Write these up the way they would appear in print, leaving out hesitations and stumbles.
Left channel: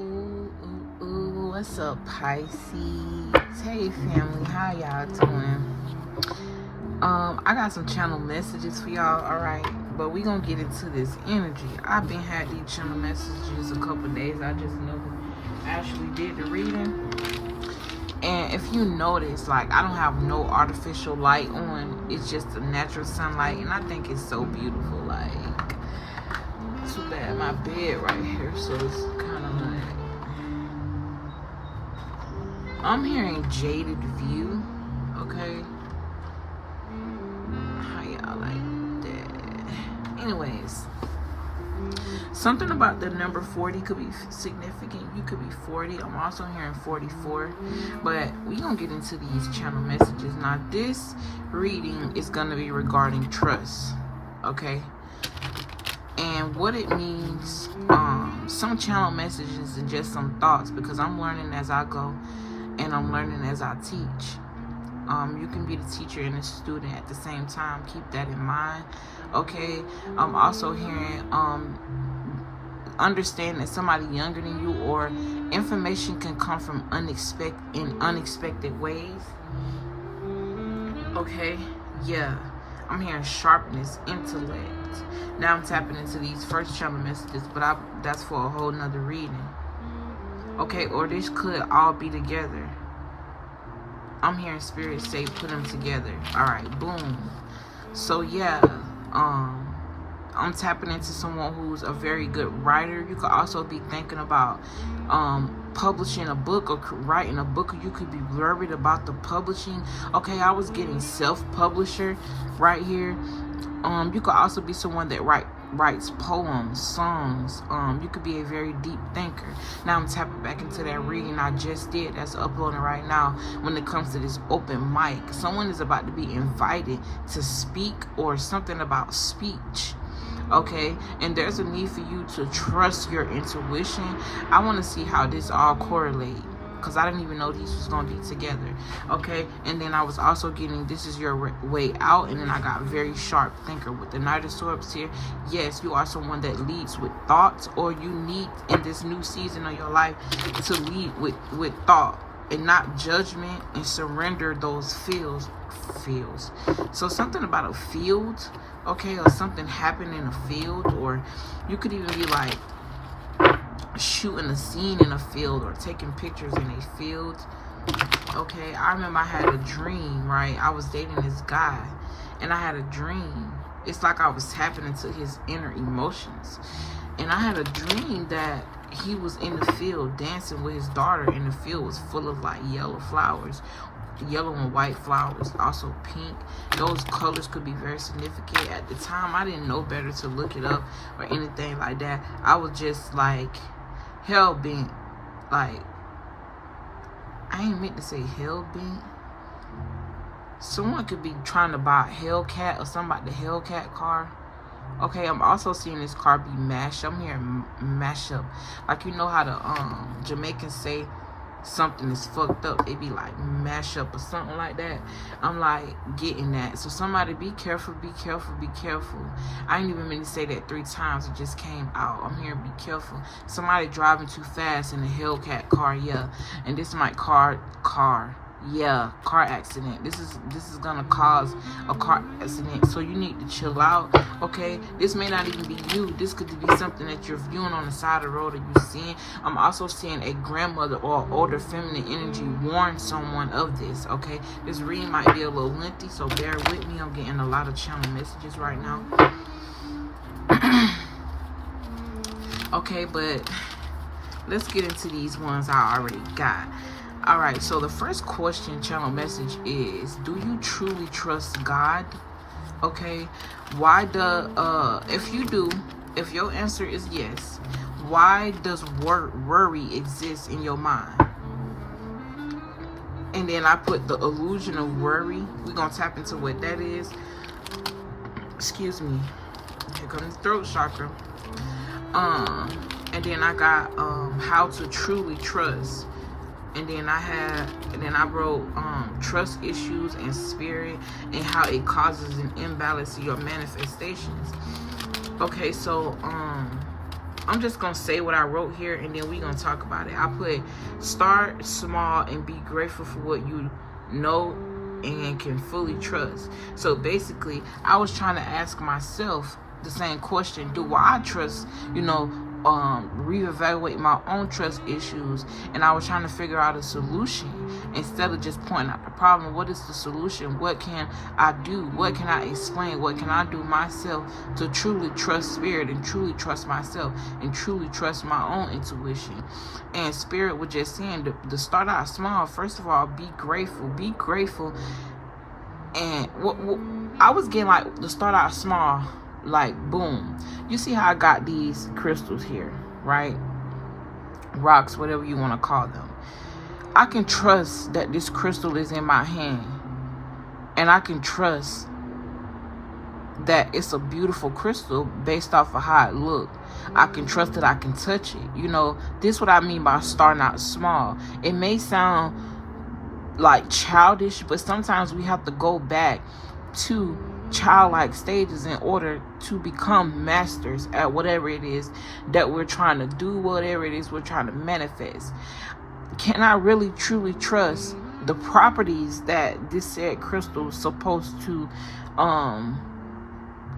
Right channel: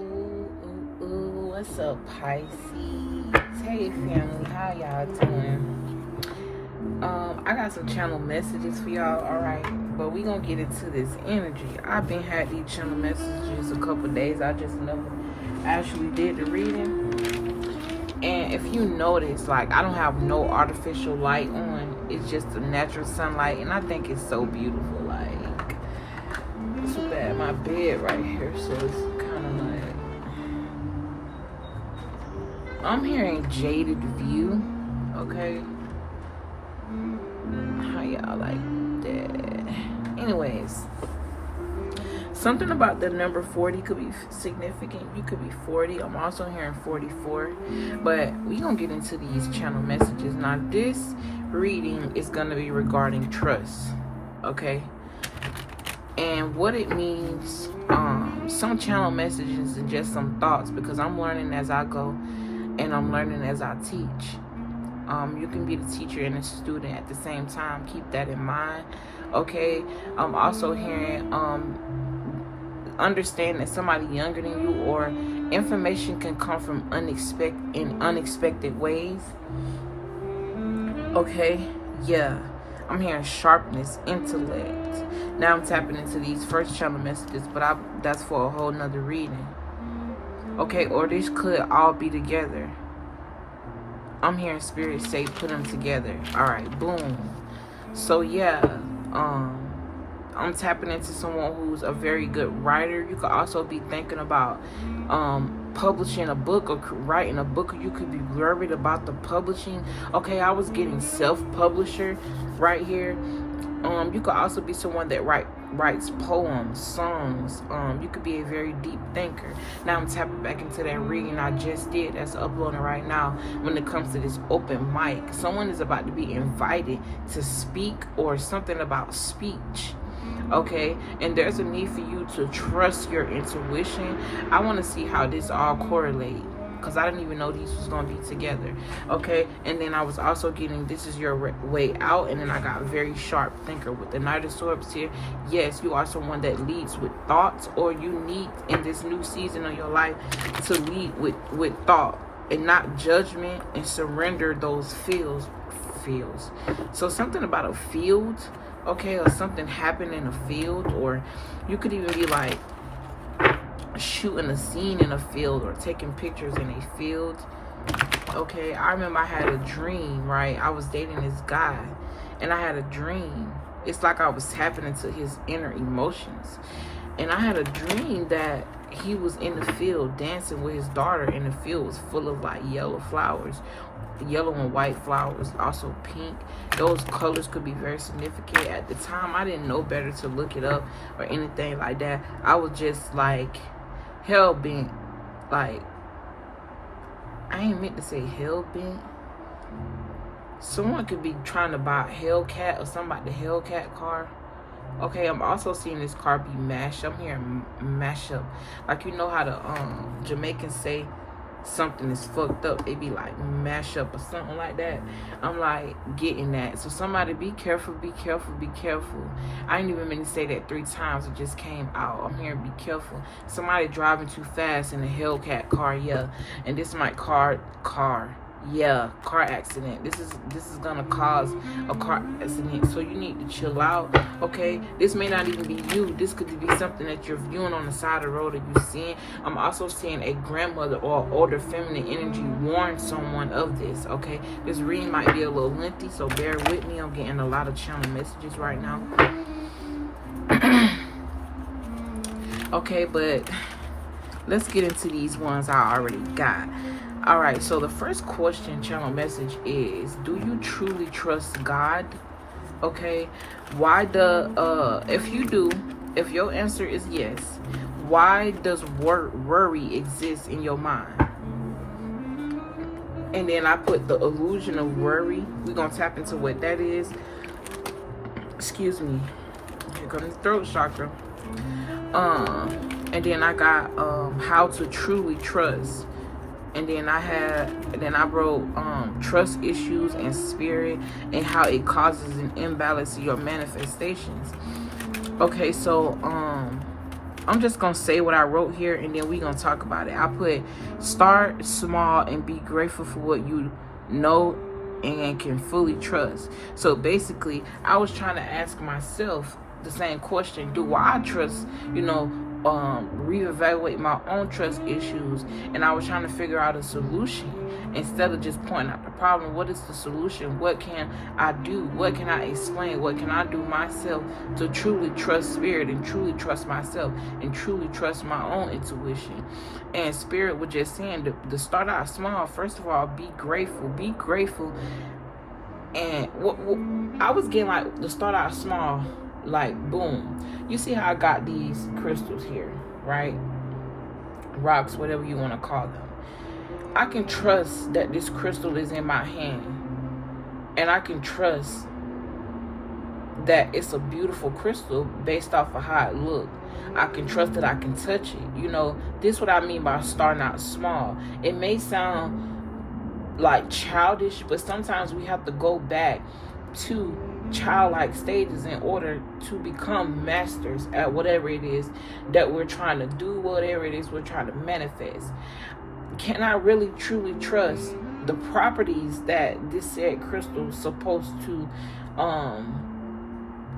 Ooh, what's up, Pisces? Hey, family, how y'all doing? I got some channel messages for y'all, alright? But we gonna get into this energy. I've been had these channel messages a couple days. I just never actually did the reading. And if you notice, like, I don't have no artificial light on. It's just the natural sunlight, and I think it's so beautiful. Like, too bad my bed right here, so it's kind of like, I'm hearing jaded view. Okay, how y'all like that? Anyways, something about the number 40 could be significant. You could be 40. I'm also hearing 44. But we gonna get into these channel messages. Now, this reading is gonna be regarding trust. Okay, and what it means. Some channel messages and just some thoughts, because I'm learning as I go and I'm learning as I teach. You can be the teacher and the student at the same time. Keep that in mind. Okay, I'm also hearing understand that somebody younger than you, or information can come from unexpected ways. Okay, yeah, I'm hearing sharpness, intellect. Now I'm tapping into these first channel messages, but that's for a whole nother reading. Okay, or this could all be together. I'm hearing spirit say put them together. All right, boom. So yeah, I'm tapping into someone who's a very good writer. You could also be thinking about publishing a book or writing a book, or you could be worried about the publishing. Okay, I was getting self-publisher right here. You could also be someone that writes poems, songs. You could be a very deep thinker. Now I'm tapping back into that reading I just did that's uploading right now. When it comes to this open mic, someone is about to be invited to speak, or something about speech. Okay, and there's a need for you to trust your intuition. I want to see how this all correlate, because I didn't even know these was going to be together. Okay, and then I was also getting this is your way out, and then I got very sharp thinker with the Knight of Swords here. Yes, you are someone that leads with thoughts, or you need in this new season of your life to lead with thought and not judgment, and surrender those feels. So something about a field, okay, or something happened in a field, or you could even be like shooting a scene in a field, or taking pictures in a field. Okay, I remember I had a dream, right? I was dating this guy, and I had a dream. It's like I was tapping into his inner emotions, and I had a dream that he was in the field dancing with his daughter, and the field was full of like yellow flowers, yellow and white flowers, also pink. Those colors could be very significant. At the time, I didn't know better to look it up or anything like that. I was just like hell bent. Like, I ain't meant to say hell bent. Someone could be trying to buy a Hellcat or something like the Hellcat car. Okay, I'm also seeing this car be mashed. I'm hearing mash up. Like, you know how the Jamaicans say something is fucked up, they be like mash up or something like that. I'm like getting that. So somebody be careful, be careful, be careful. I ain't even meant to say that 3 times, it just came out. I'm hearing be careful. Somebody driving too fast in a Hellcat car, yeah. And this might car accident. This is gonna cause a car accident, so you need to chill out. Okay, this may not even be you. This could be something that you're viewing on the side of the road that you're seeing. I'm also seeing a grandmother or older feminine energy warn someone of this. Okay, this reading might be a little lengthy, so bear with me. I'm getting a lot of channel messages right now. Okay, but let's get into these ones I already got. All right, so the first question channel message is, do you truly trust God? Okay, why if you do, if your answer is yes, why does worry exist in your mind? And then I put the illusion of worry. We're gonna tap into what that is. Excuse me. Here comes the throat chakra. And then I got how to truly trust. And then I wrote trust issues and spirit, and how it causes an imbalance in your manifestations. Okay, so I'm just gonna say what I wrote here, and then we're gonna talk about it. I put start small and be grateful for what you know and can fully trust. So basically, I was trying to ask myself the same question: do I trust, reevaluate my own trust issues? And I was trying to figure out a solution instead of just pointing out the problem. What is the solution? What can I do? What can I explain? What can I do myself to truly trust spirit and truly trust myself and truly trust my own intuition? And spirit was just saying to start out small. First of all, be grateful. Be grateful. And what I was getting, like, to start out small, like, boom. You see how I got these crystals here, right? Rocks, whatever you want to call them. I can trust that this crystal is in my hand, and I can trust that it's a beautiful crystal based off of how it looked. I can trust that I can touch it. This is what I mean by starting out small. It may sound like childish, but sometimes we have to go back to childlike stages in order to become masters at whatever it is that we're trying to do, whatever it is we're trying to manifest. Can I really truly trust the properties that this said crystal is supposed to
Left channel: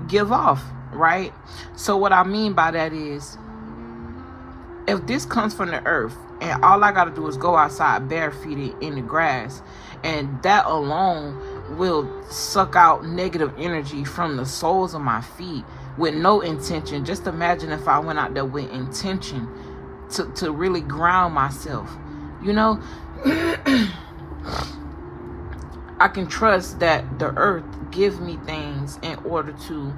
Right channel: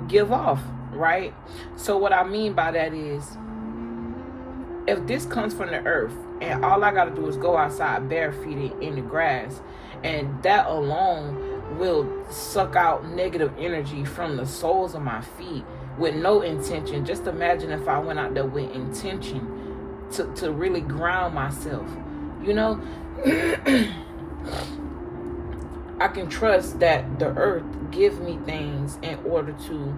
give off, right? So what I mean by that is, if this comes from the earth and all I gotta do is go outside barefooted in the grass, and that alone will suck out negative energy from the soles of my feet with no intention. Just imagine if I went out there with intention to really ground myself. I can trust that the earth gives me things in order to,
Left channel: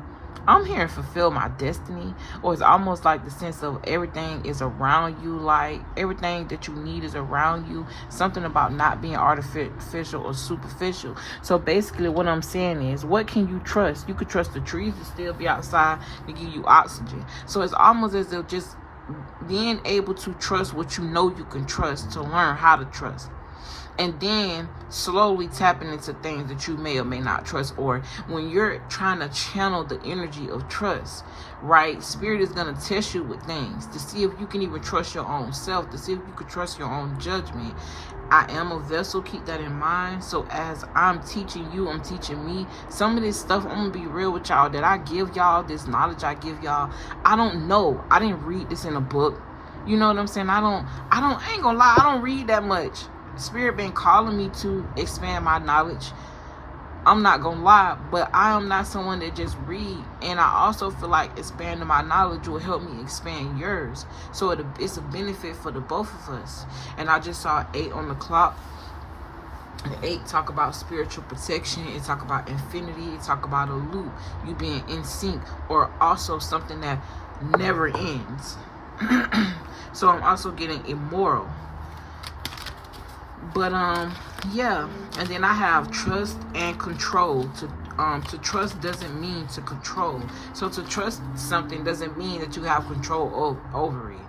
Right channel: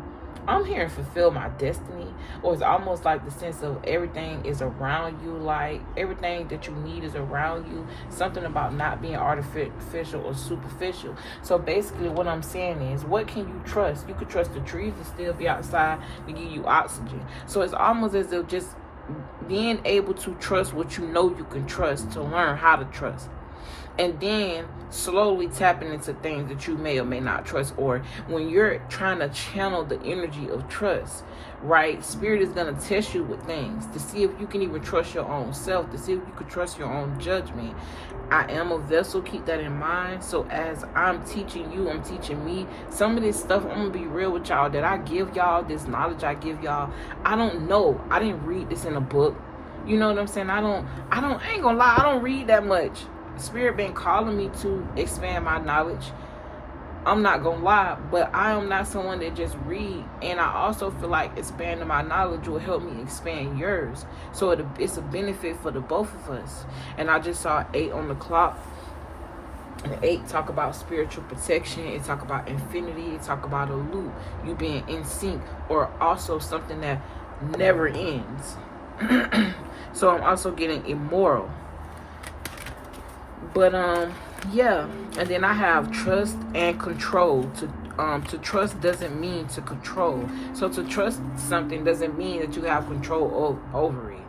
I'm here and fulfill my destiny. Or it's almost like the sense of everything is around you, like everything that you need is around you. Something about not being artificial or superficial. So basically what I'm saying is, what can you trust? You could trust the trees to still be outside to give you oxygen. So it's almost as if just being able to trust what you know you can trust, to learn how to trust. And then slowly tapping into things that you may or may not trust. Or when you're trying to channel the energy of trust, right? Spirit is going to test you with things to see if you can even trust your own self, to see if you can trust your own judgment. I am a vessel, keep that in mind. So as I'm teaching you, I'm teaching me. Some of this stuff, I'm going to be real with y'all, that I give y'all, this knowledge I give y'all, I don't know. I didn't read this in a book. You know what I'm saying? I ain't gonna lie, I don't read that much. Spirit been calling me to expand my knowledge. I'm not gonna lie, but I am not someone that just read. And I also feel like expanding my knowledge will help me expand yours. So it's a benefit for the both of us. And I just saw 8 on the clock. The 8 talk about spiritual protection. It talk about infinity. It talk about a loop, you being in sync, or also something that never ends. So I'm also getting immoral. But yeah, and then I have trust and control. To trust doesn't mean to control. So to trust something doesn't mean that you have control over it.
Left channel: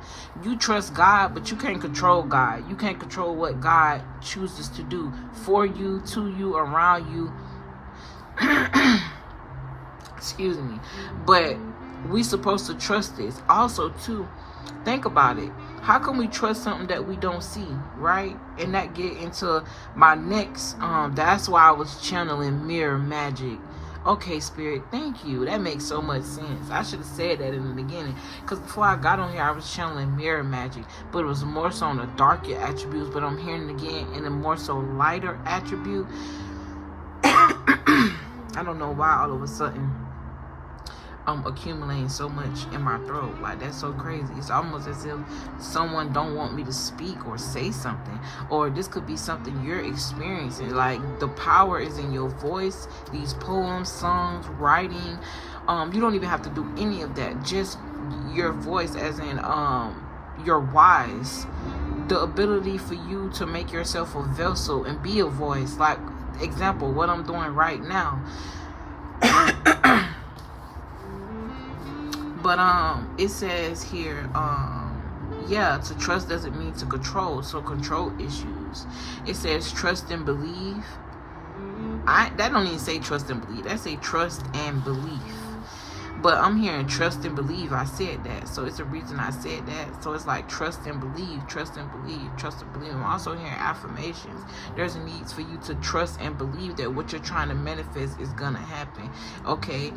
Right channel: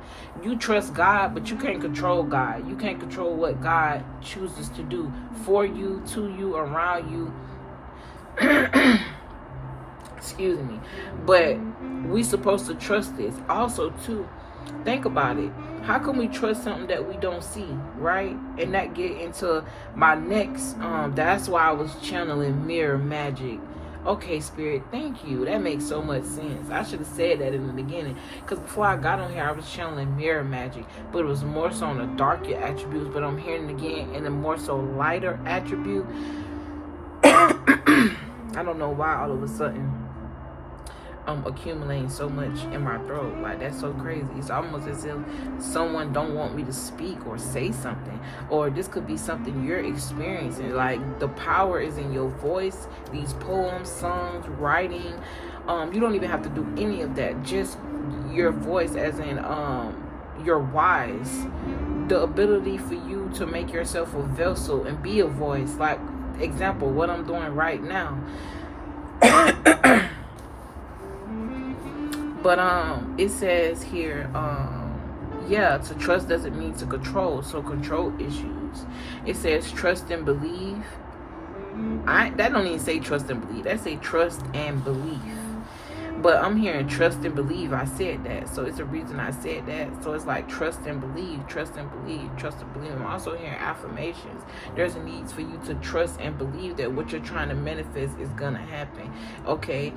You trust God, but you can't control God. You can't control what God chooses to do for you, to you, around you. Excuse me. But we supposed to trust this. Also, too, think about it. How can we trust something that we don't see, right? And that get into my next, that's why I was channeling mirror magic. Okay, Spirit, thank you. That makes so much sense. I should have said that in the beginning. Because before I got on here, I was channeling mirror magic. But it was more so on the darker attributes. But I'm hearing it again in a more so lighter attribute. I don't know why all of a sudden I'm accumulating so much in my throat. Like, that's so crazy. It's almost as if someone don't want me to speak or say something. Or this could be something you're experiencing. Like, the power is in your voice. These poems, songs, writing. You don't even have to do any of that. Just your voice, as in your wise. The ability for you to make yourself a vessel and be a voice. Like, example, what I'm doing right now. But it says here, yeah, to trust doesn't mean to control. So control issues. It says trust and believe. That don't even say trust and believe. That say trust and belief. But I'm hearing trust and believe. I said that, so it's a reason I said that. So it's like trust and believe, trust and believe, trust and believe. I'm also hearing affirmations. There's a need for you to trust and believe that what you're trying to manifest is gonna happen. Okay.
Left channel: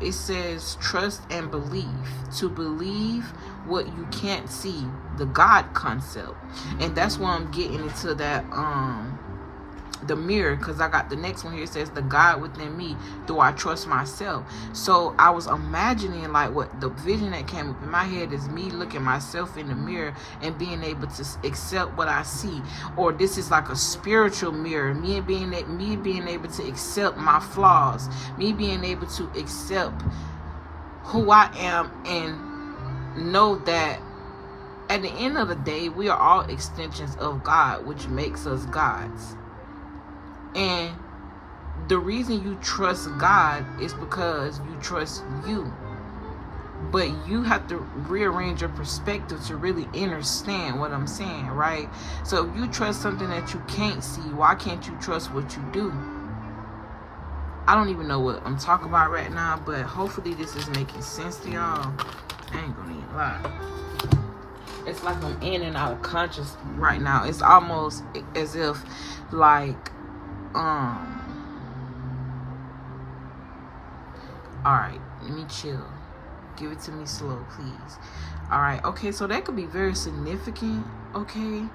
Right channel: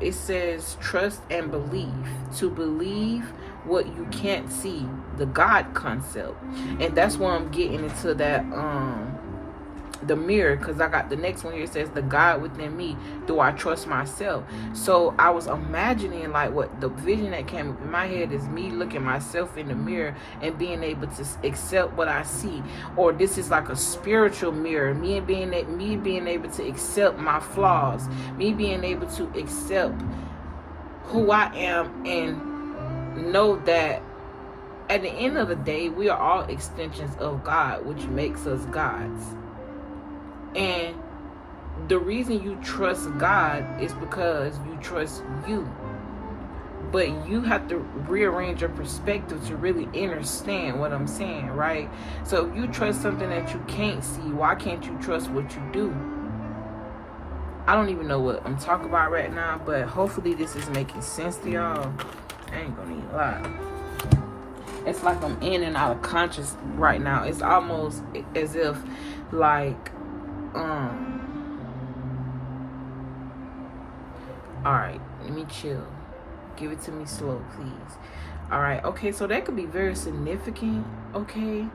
It says trust and believe. To believe what you can't see, the God concept. And that's why I'm getting into that the mirror, because I got the next one here. It says the God within me, do I trust myself? So I was imagining, like, what the vision that came up in my head is me looking myself in the mirror and being able to accept what I see. Or this is like a spiritual mirror, me being able to accept my flaws, me being able to accept who I am, and know that at the end of the day, we are all extensions of God, which makes us gods. And the reason you trust God is because you trust you. But you have to rearrange your perspective to really understand what I'm saying, right? So if you trust something that you can't see, why can't you trust what you do? I don't even know what I'm talking about right now, but hopefully this is making sense to y'all. I ain't gonna even lie. It's like I'm in and out of conscious right now. It's almost as if, like, alright, let me chill. Give it to me slow, please. Alright, okay, so that could be very significant, okay?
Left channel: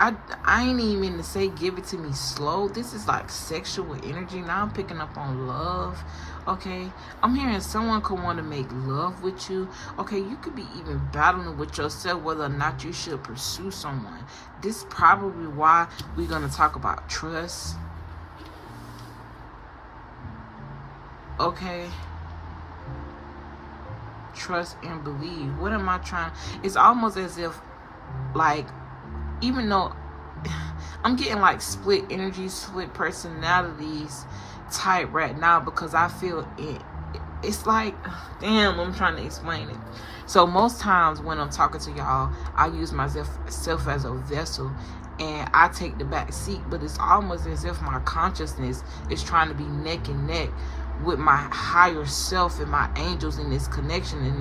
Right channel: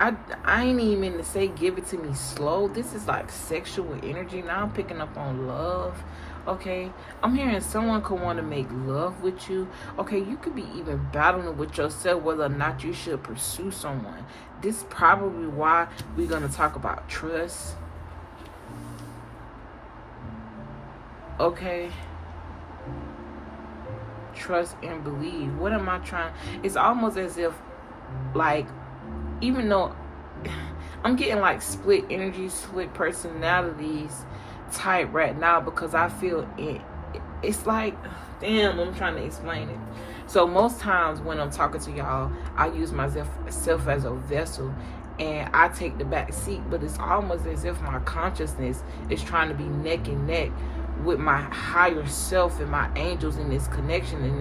I ain't even mean to say give it to me slow. This is like sexual energy. Now I'm picking up on love, okay? I'm hearing someone could want to make love with you. Okay, you could be even battling with yourself whether or not you should pursue someone. This is probably why we're going to talk about trust. Okay? Trust and believe. What am I trying? It's almost as if, like, even though I'm getting like split energy, split personalities type right now, because I feel it's like, damn, I'm trying to explain it. So most times when I'm talking to y'all, I use myself as a vessel and I take the back seat, but it's almost as if my consciousness is trying to be neck and neck with my higher self and my angels in this connection and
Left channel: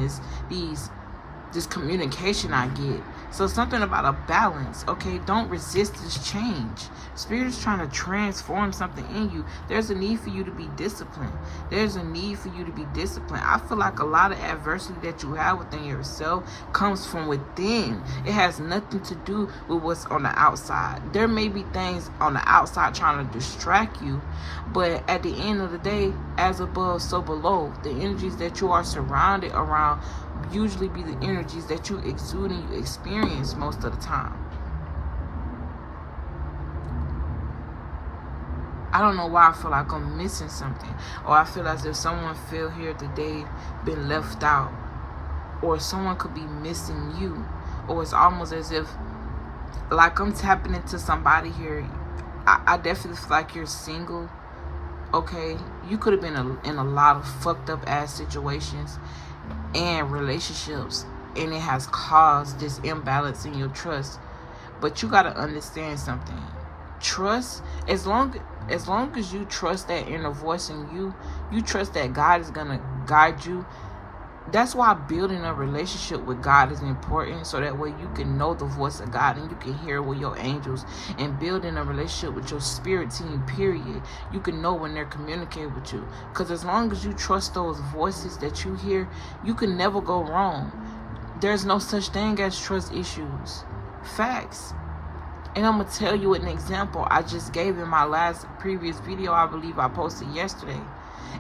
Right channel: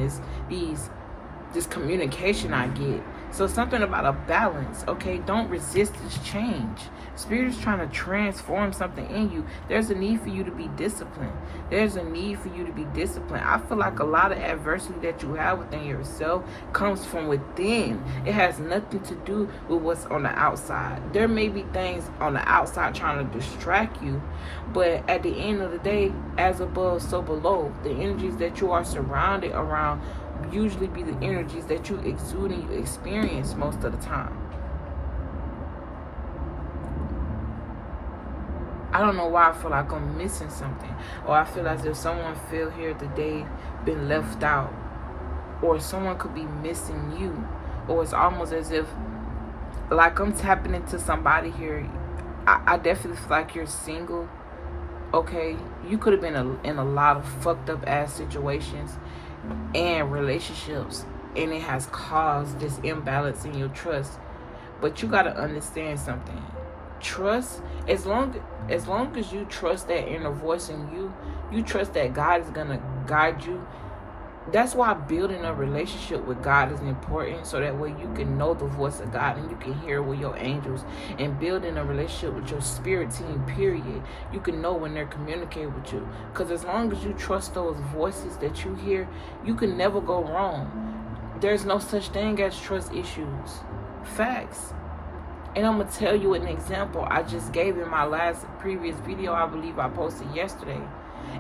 this communication I get. So something about a balance, okay? Don't resist this change. Spirit is trying to transform something in you. There's a need for you to be disciplined. There's a need for you to be disciplined. I feel like a lot of adversity that you have within yourself comes from within. It has nothing to do with what's on the outside. There may be things on the outside trying to distract you, but at the end of the day, as above, so below. The energies that you are surrounded around usually be the energies that you exude and you experience most of the time. I don't know why I feel like I'm missing something, or I feel as if someone feel here today been left out, or someone could be missing you, or it's almost as if like I'm tapping into somebody here. I definitely feel like you're single, okay? You could have been in a lot of fucked up ass situations and relationships, and it has caused this imbalance in your trust. But you got to understand something. Trust, as long as you trust that inner voice in you, you trust that God is going to guide you. That's why building a relationship with God is important, so that way you can know the voice of God and you can hear with your angels. And building a relationship with your spirit team, period, you can know when they're communicating with you. Because as long as you trust those voices that you hear, you can never go wrong. There's no such thing as trust issues. Facts. And I'm going to tell you an example I just gave in my previous video I believe I posted yesterday.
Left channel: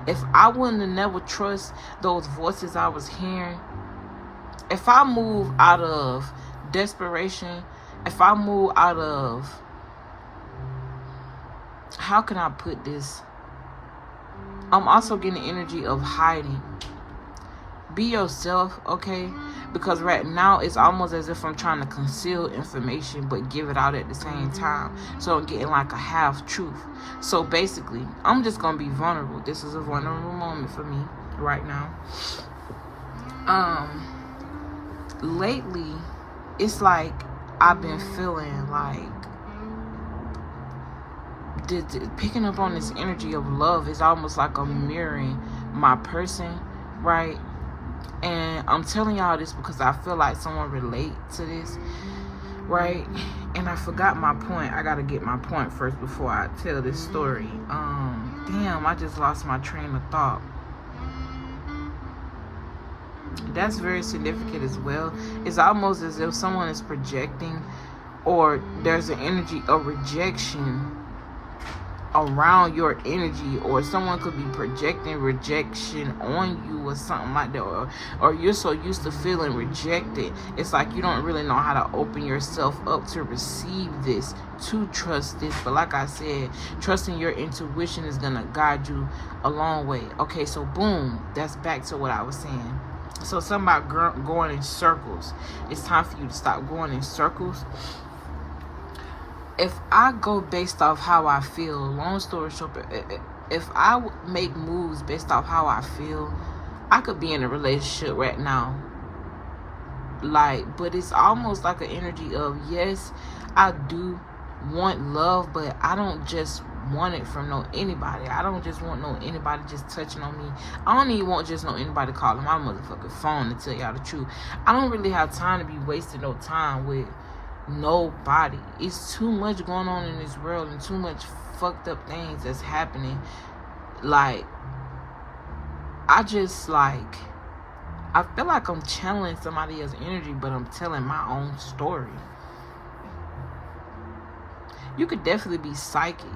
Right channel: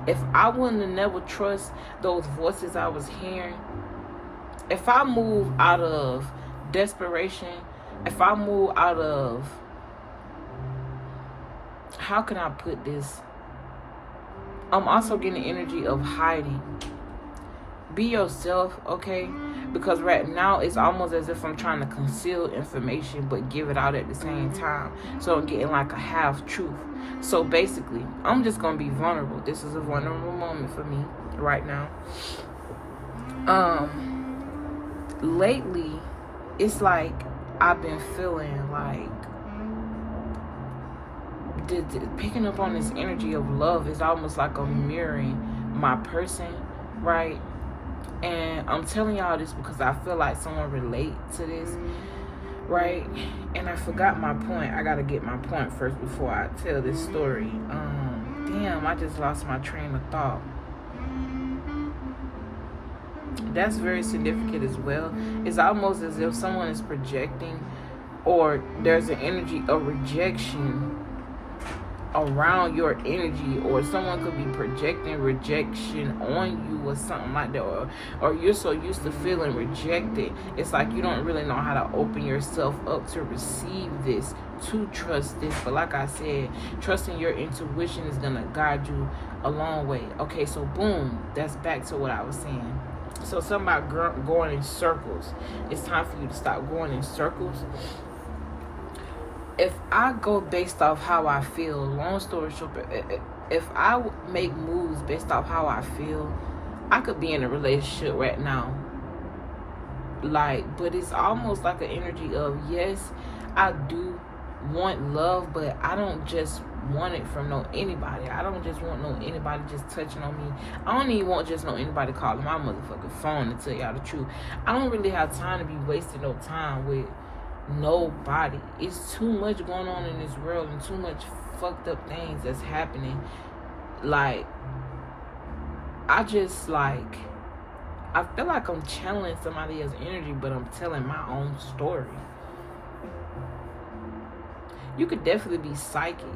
If I wouldn't have never trust those voices I was hearing, if I move out of desperation, if I move out of, how can I put this? I'm also getting the energy of hiding. Be yourself, okay? Because right now it's almost as if I'm trying to conceal information but give it out at the same time. So I'm getting like a half truth. So basically, I'm just going to be vulnerable. This is a vulnerable moment for me right now. Lately, it's like I've been feeling like picking up on this energy of love is almost like a mirroring my person, right? And I'm telling y'all this because I feel like someone relate to this, right? And I forgot my point. I gotta get my point first before I tell this story. Damn, I just lost my train of thought. That's very significant as well. It's almost as if someone is projecting, or there's an energy of rejection around your energy, or someone could be projecting rejection on you or something like that, or you're so used to feeling rejected, it's like you don't really know how to open yourself up to receive this, to trust this. But like I said, trusting your intuition is gonna guide you a long way. Okay, so boom, that's back to what I was saying. So something about going in circles. It's time for you to stop going in circles. If I go based off how I feel, long story short, if I make moves based off how I feel, I could be in a relationship right now. Like, but it's almost like an energy of, yes, I do want love, but I don't just want it from anybody. I don't just want anybody just touching on me. I don't even want just anybody calling my motherfucking phone to tell y'all the truth. I don't really have time to be wasting no time with nobody. It's too much going on in this world and too much fucked up things that's happening. Like, I just like, I feel like I'm channeling somebody else's energy, but I'm telling my own story. You could definitely be psychic,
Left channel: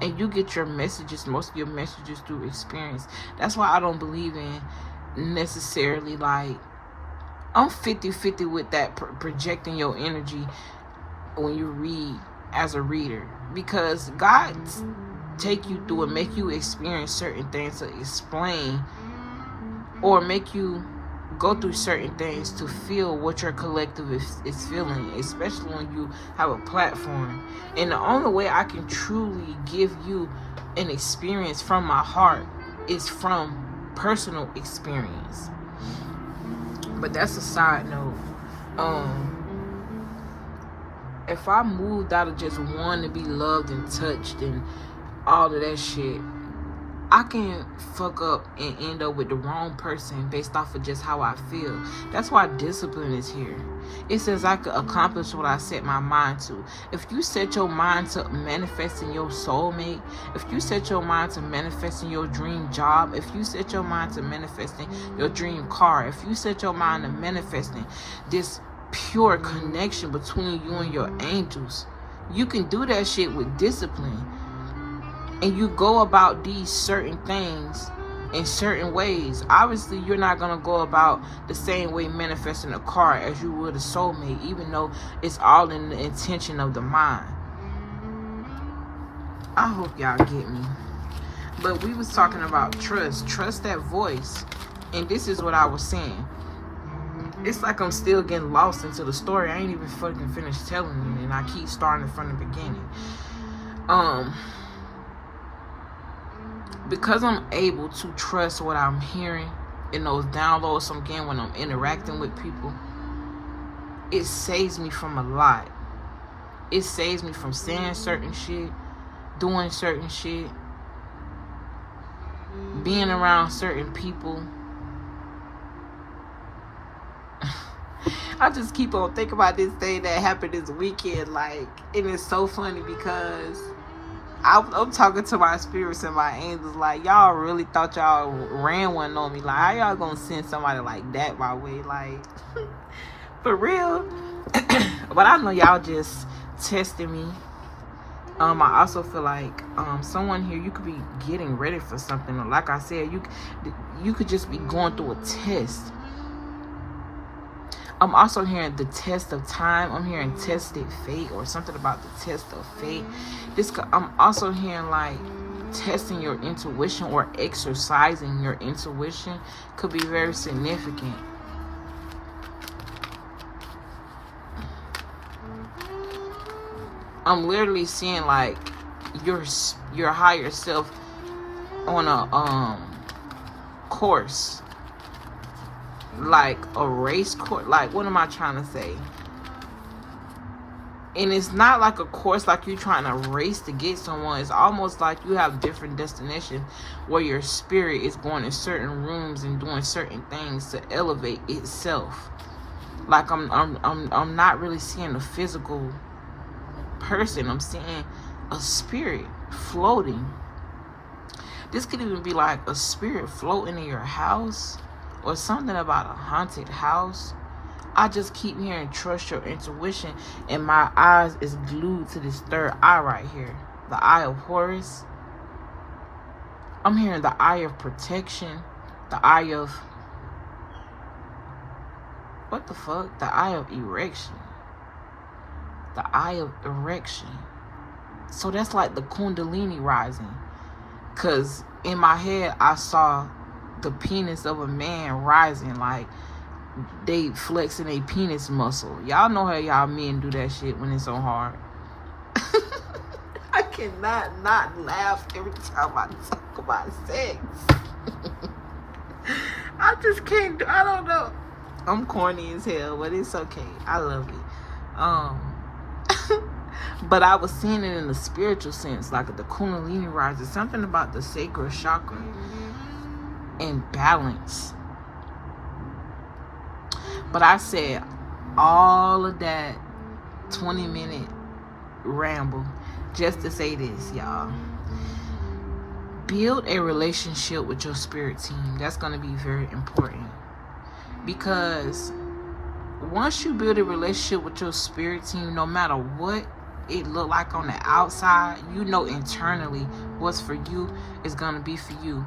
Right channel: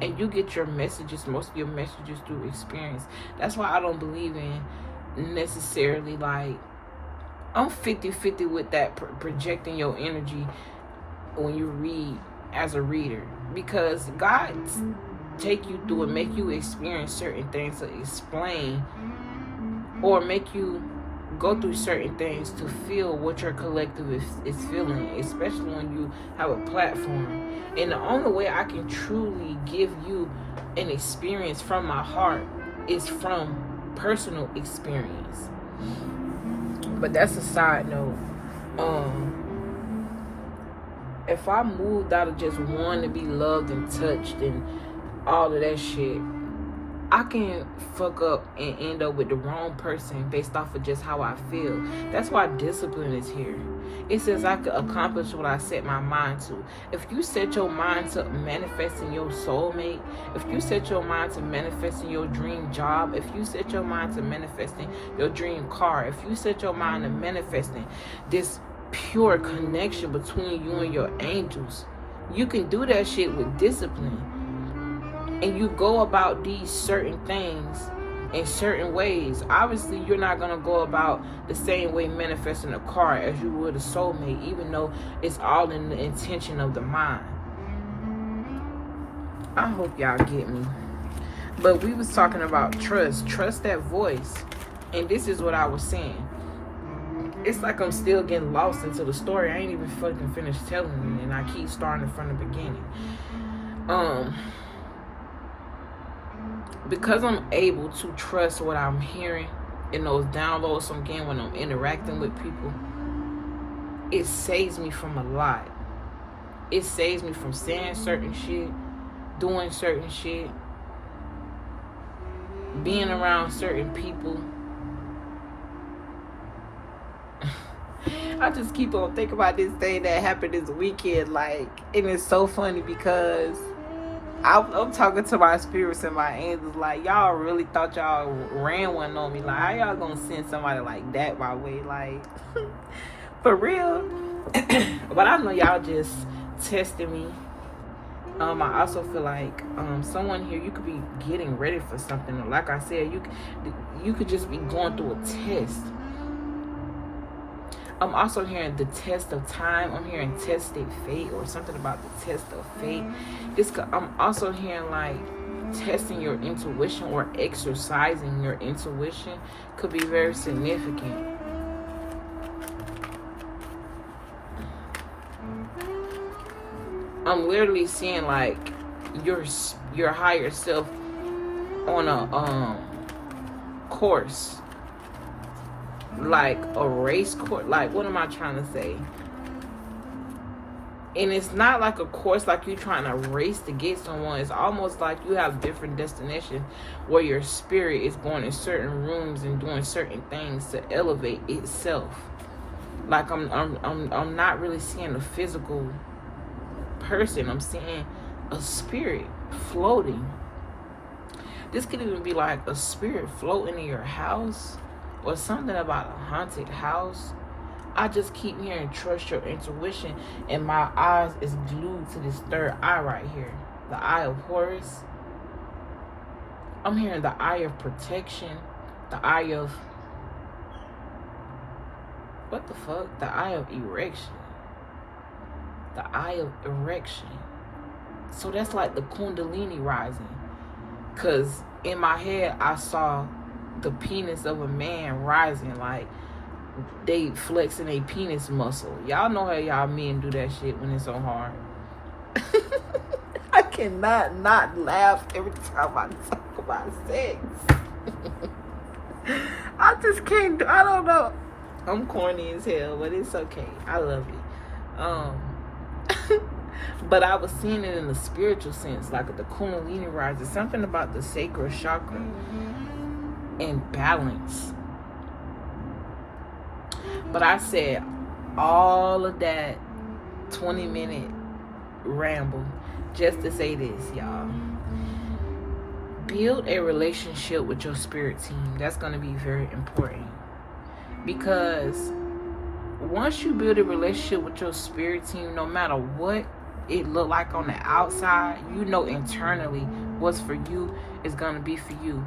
and you get your messages, most of your messages, through experience. That's why I don't believe in necessarily, like, I'm 50-50 with that projecting your energy when you read as a reader, because God take you through and make you experience certain things to explain, or make you go through certain things to feel what your collective is feeling, especially when you have a platform. And the only way I can truly give you an experience from my heart is from personal experience. But that's a side note. If I moved out of just wanting to be loved and touched and all of that shit, I can fuck up and end up with the wrong person based off of just how I feel. That's why discipline is here. It says I could accomplish what I set my mind to. If you set your mind to manifesting your soulmate, if you set your mind to manifesting your dream job, if you set your mind to manifesting your dream car, if you set your mind to manifesting this pure connection between you and your angels, you can do that shit with discipline. And you go about these certain things in certain ways. Obviously, you're not going to go about the same way manifesting a car as you would a soulmate, even though it's all in the intention of the mind. I hope y'all get me. But we was talking about trust. Trust that voice. And this is what I was saying. It's like I'm still getting lost into the story. I ain't even fucking finished telling you, and I keep starting from the beginning. Because I'm able to trust what I'm hearing in those downloads I'm getting when I'm interacting with people, it saves me from a lot. It saves me from saying certain shit, doing certain shit, being around certain people. I just keep on thinking about this thing that happened this weekend, like, and it's so funny because I'm talking to my spirits and my angels, like, y'all really thought y'all ran one on me. Like, how y'all gonna send somebody like that my way? Like, for real? But I know y'all just testing me. I also feel like someone here, you could be getting ready for something. Or like I said, you could just be going through a test. I'm also hearing the test of time. I'm hearing tested fate, or something about the test of fate. I'm also hearing like testing your intuition or exercising your intuition could be very significant. I'm literally seeing like your higher self on a course. Like a race course. Like, what am I trying to say? And it's not like a course like you trying to race to get someone. It's almost like you have different destinations where your spirit is going in certain rooms and doing certain things to elevate itself. Like I'm not really seeing a physical person. I'm seeing a spirit floating. This could even be like a spirit floating in your house, or something about a haunted house. I just keep hearing trust your intuition, and my eyes is glued to this third eye right here, the eye of Horus. I'm hearing the eye of protection, the eye of, what the fuck? The eye of erection. The eye of erection. So that's like the Kundalini rising. Because in my head, I saw the penis of a man rising, like they flexing a penis muscle. Y'all know how y'all men do that shit when it's so hard. I cannot not laugh every time I talk about sex. I just can't. I don't know. I'm corny as hell, but it's okay. I love it. But I was seeing it in the spiritual sense, like the Kundalini rises. Something about the sacral chakra and balance. But I said all of that 20-minute ramble just to say this, y'all. Build a relationship with your spirit team. That's going to be very important. Because once you build a relationship with your spirit team, no matter what it look like on the outside, you know internally what's for you is going to be for you.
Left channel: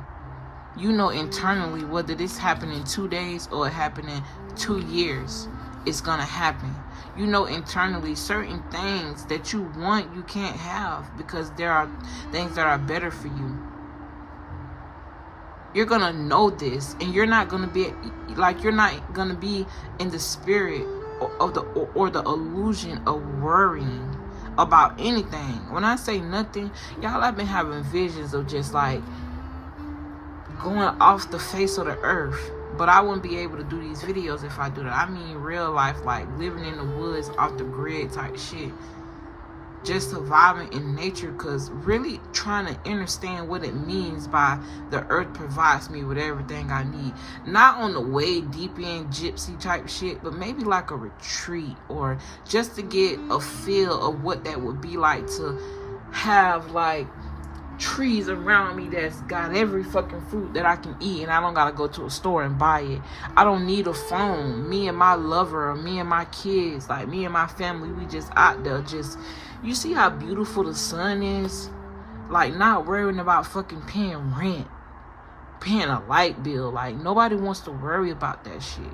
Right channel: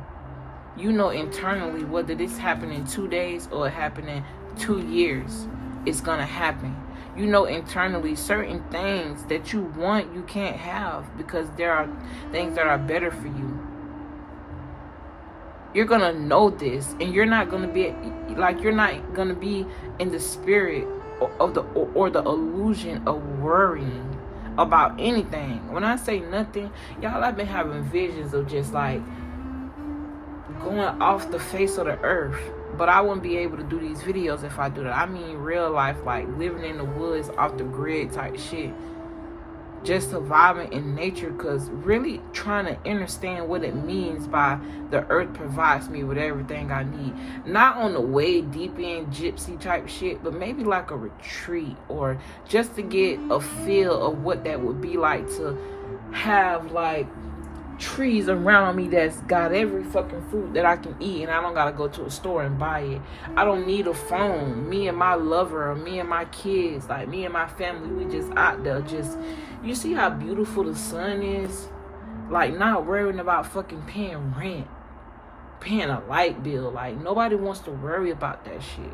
You know internally whether this happened in 2 days or it happened in 2 years, it's gonna happen. You know internally certain things that you want you can't have because there are things that are better for you. You're gonna know this, and you're not gonna be like, you're not gonna be in the spirit of the or the illusion of worrying about anything. When I say nothing, y'all, I've been having visions of just like going off the face of the earth. But I wouldn't be able to do these videos if I do that. I mean real life, like living in the woods, off the grid type shit. Just surviving in nature, because really trying to understand what it means by the earth provides me with everything I need. Not on the way deep in gypsy type shit, but maybe like a retreat, or just to get a feel of what that would be like to have like trees around me that's got every fucking fruit that I can eat, and I don't gotta go to a store and buy it. I don't need a phone. Me and my lover, or me and my kids, like me and my family, we just out there just, you see how beautiful the sun is? Like not worrying about fucking paying rent, paying a light bill. Like nobody wants to worry about that shit.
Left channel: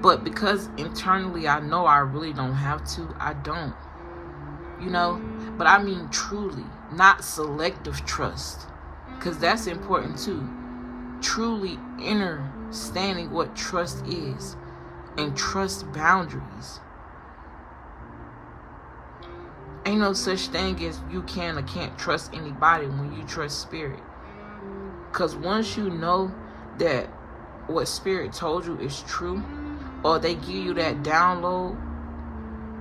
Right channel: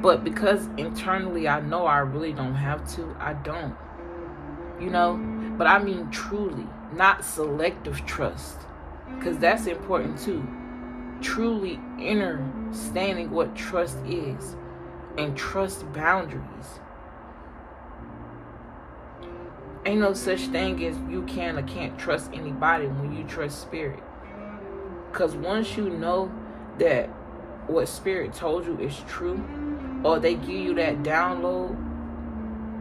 But because internally I know I really don't have to, I don't. You know? But I mean truly, not selective trust. Because that's important too. Truly understanding what trust is. And trust boundaries. Ain't no such thing as you can or can't trust anybody when you trust spirit. Because once you know that what spirit told you is true, or they give you that download,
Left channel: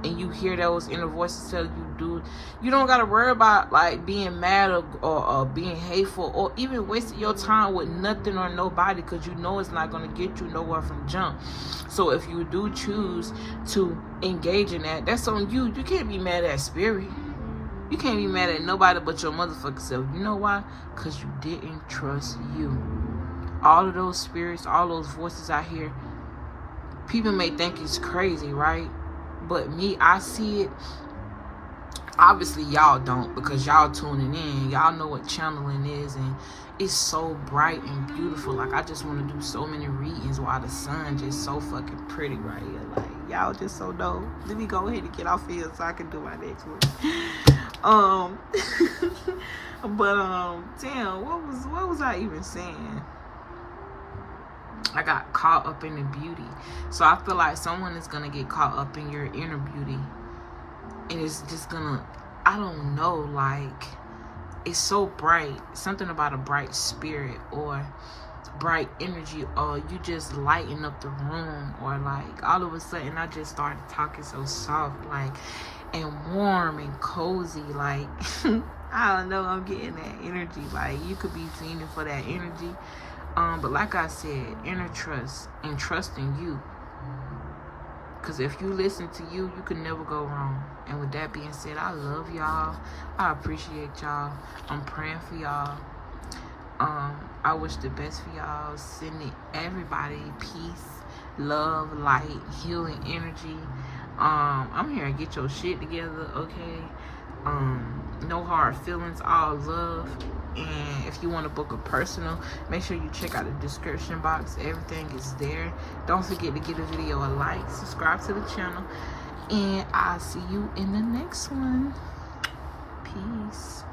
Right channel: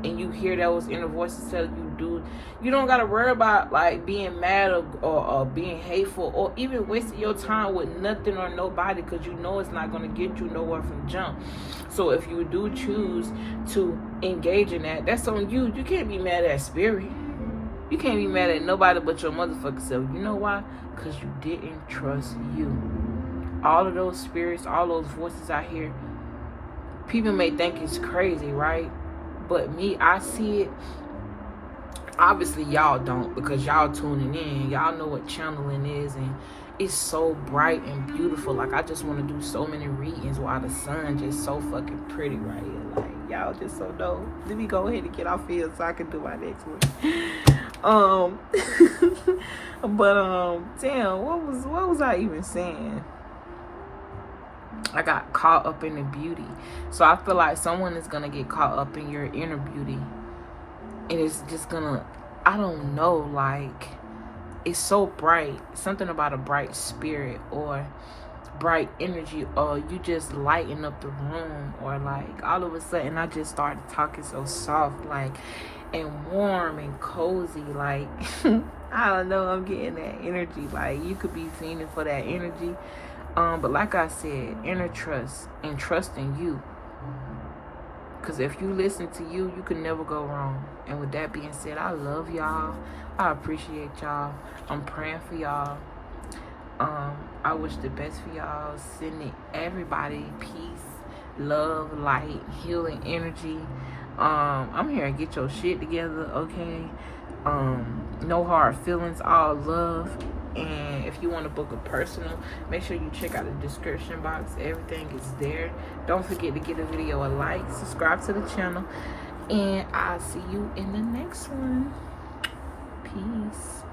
and you hear those inner voices tell you, dude, you don't gotta worry about like being mad or being hateful, or even wasting your time with nothing or nobody, because you know it's not gonna get you nowhere from jump. So if you do choose to engage in that, that's on you. You can't be mad at spirit. You can't be mad at nobody but your motherfucking self. You know why? Because you didn't trust you. All of those spirits, all those voices I hear, people may think it's crazy, right? But me, I see it. Obviously, y'all don't, because y'all tuning in. Y'all know what channeling is, and it's so bright and beautiful. Like, I just want to do so many readings while the sun just so fucking pretty right here. Like, y'all just so dope. Let me go ahead and get off here so I can do my next one. Damn, what was I even saying? I got caught up in the beauty. So I feel like someone is going to get caught up in your inner beauty. And it's just going to, I don't know, like, it's so bright. Something about a bright spirit or bright energy, or you just lighten up the room, or like all of a sudden I just started talking so soft, like, and warm and cozy, like I don't know, I'm getting that energy. Like, you could be feeling for that energy, but like I said, inner trust and trust in you, because if you listen to you, you can never go wrong. And with that being said, I love y'all, I appreciate y'all, I'm praying for y'all. I wish the best for y'all. Sending everybody peace, love, light, healing energy. I'm here to get your shit together, okay? No hard feelings, all love. And if you want to book a personal, make sure you check out the description box. Everything is there. Don't forget to give a video a like, subscribe to the channel, and I'll see you in the next one. Peace.